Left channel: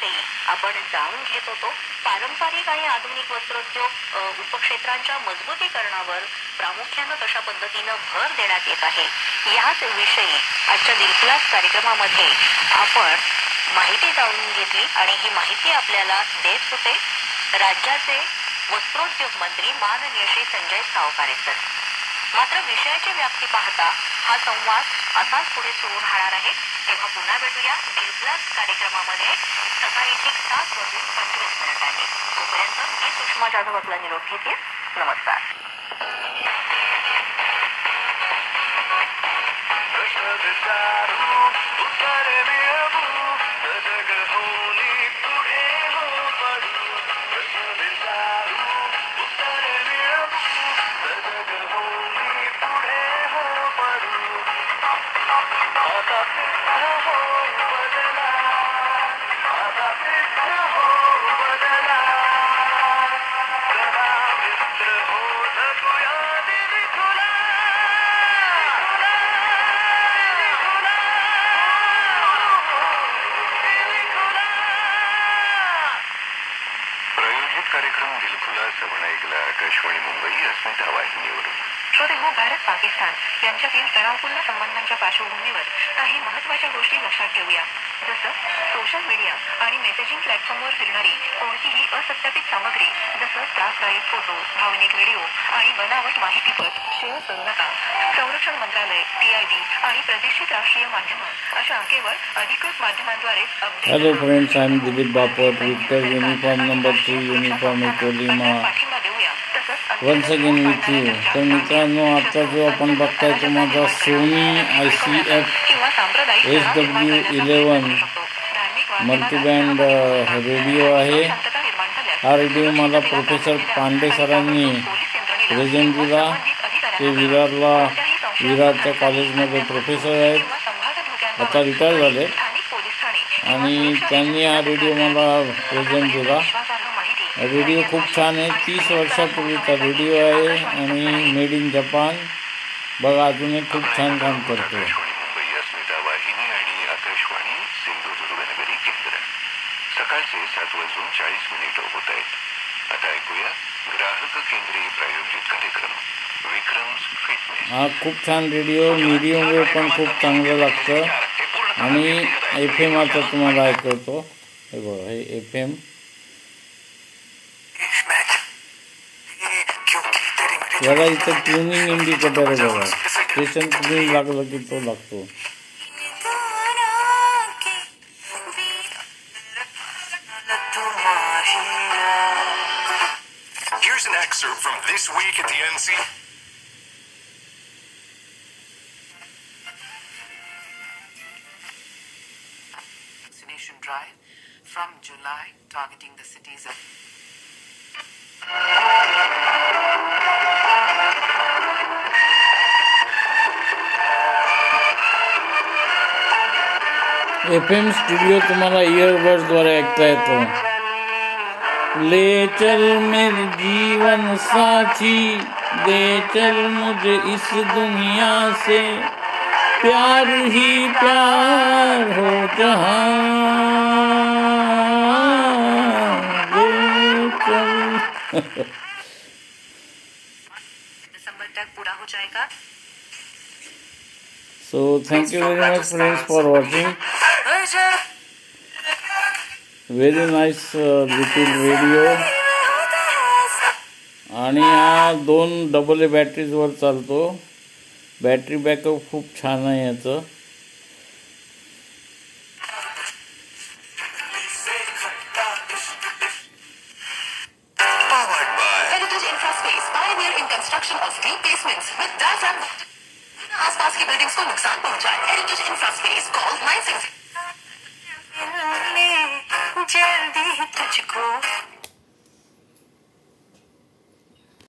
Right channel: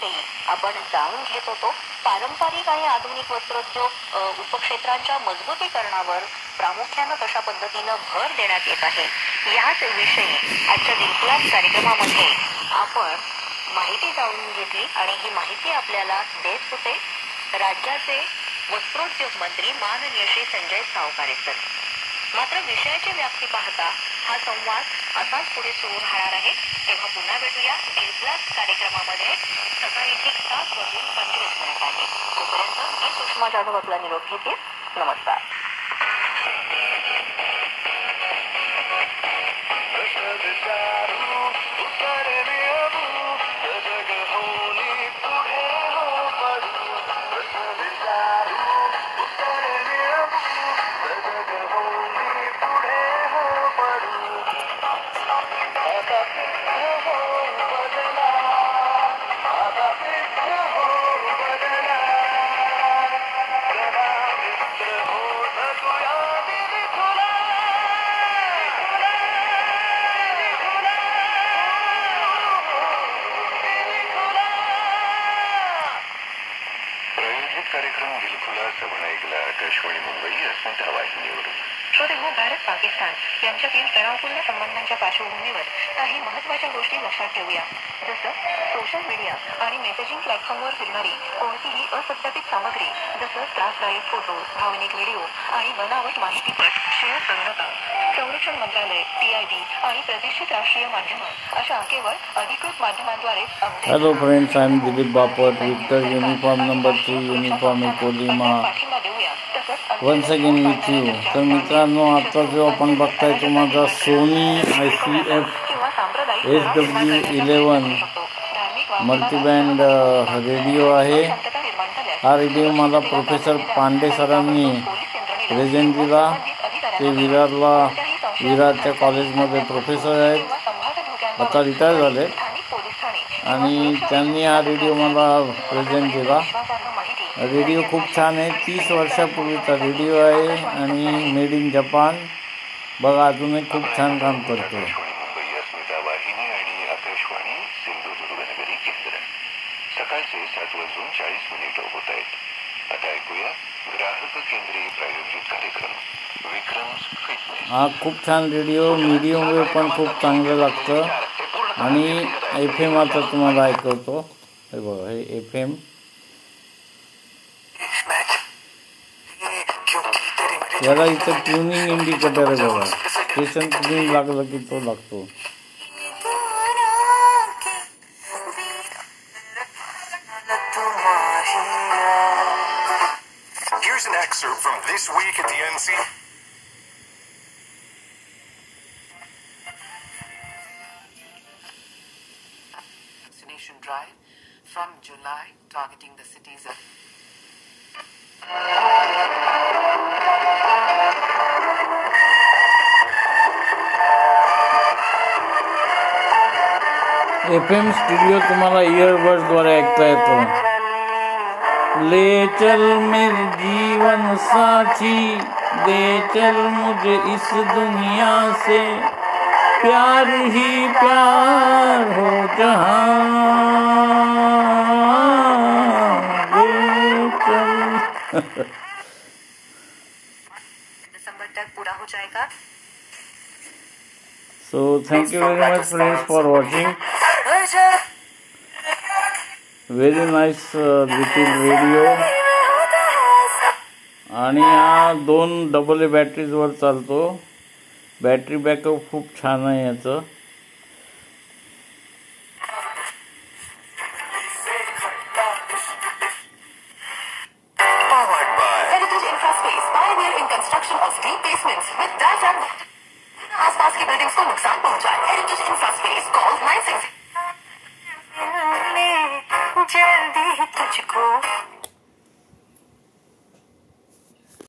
विषयी आपण जाणून घेत होतो. पारंपरिक आणि आधुनिक वस्त्रोद्योग उपक्षेत्रांच्या मजबूतीकरणावर प्रामुख्याने कशा पद्धतीने भर देण्यात येत आहे याच विषयी आजच्या दिलखुलास कार्यक्रमामध्ये आपण माहिती जाणून घेतली आणि ही माहिती आपल्याला देत होते राज्याचे वस्त्रोद्योग मंत्री माननीय श्री संजय सावकारे सर. मात्र विषयाची व्याप्ती पाहता हा संवाद असाच पुढे सुरू राहणार आहे. तेव्हा पुन्हा भेटूया दिलखुलास कार्यक्रमामध्ये सकाळी ठीक 7:25 तोपर्यंत मी सुषमा जाधव आपला निरोप घेते. नमस्कार. कार्यक्रम दिलखुलास आपण ऐकला आकाशवाणी मुंबई अस्मिता वाहिनीवरून. श्रोते हो, भारत पाकिस्तान यांच्यातील तणावपूर्ण संबंधांच्या पार्श्वभूमीवर काही महत्त्वाच्या गोष्टी लक्षात ठेवूया. जसं सोशल मीडिया आणि मेसेजिंग प्लॅटफॉर्मवर फिरणारी कोणतीही असत्यापित सामग्री जसं त्रासदायक फोटो, भावनिक व्हिडिओ आणि बनावट माहितीपट शेअर करू नका. संरक्षण मंत्रालय, PIB आणि प्रतिष्ठित राष्ट्रीय माध्यमं अशा केवळ अधिकृत माध्यमांद्वारेच update. Hello friends, I am Dilip Bapat, victor uniform number 3 uniform कोलिमा वन्स अगेन विथ यू. तर मित्रांनो, आता जो आपण बघताय तो माझा सोनी ICF SW11 मल्टीबँड रेडिओ आहे. हा रेडिओ मला प्रोफेसर पांडे सरांनी प्रेझेंट दिला. ते विरारच्या कॉलेजमध्ये प्रोफेसर आहेत, आता रिटायर झाले, आणि त्यांनी हा रेडिओ मला प्रेझेंट दिला. रेडिओ खूप छान आहे, 30 वर्षापूर्वीचा रेडिओ आहे आणि मेड इन जपान. बघा, अजूनही खूप छान काम करतो. मुंबई अस्मिता वाहिनी आणि आकाशवाणी सिंधुदुर्गनगरी केंद्र. सकाळचे 7:40 होत आहेत. आता ऐकूया ग्राहक केंद्रीय प्रायोजित कार्यक्रम विक्रम्स फिटनेस. हा खूप छान रेडिओ, मीडियम वेव्ह पण खूप चांगलं लागतं. आणि FM आता तुम्हाला ऐकवतो. हे बघा, हे FM. याला इथं ट्युनिंग इंडिकेटर आहे बघा. स्टेशन ट्युनिंग लागलं की तो लागतो. Here's an excerpt from This Week at the NC. Vaccination drive from July targeting the cities of FM studio तुम्हाला इयरबड्सद्वारे ऐकता येतो. ले चल मेरे जीवन साथी, ले चल मुझे इस दुनिया से, प्यार ही प्यार हो जहां, ले चल. दिसंबर तक पूरा हो जाएगा. So thank you very much friends for watching. Very nice little radio. आणि हा 2 AA बॅटरीजवर चालतो. बॅटरी बॅकअप खूप छान आहे याचं. Heritage Infraspace, pioneer in construction of green basements with diaphragm. आसपास की बिल्डिंग्स को नुकसान पहुंचाए. हेरिटेज इंफ्रास्पेस, कॉल 96. जल्दी तुझको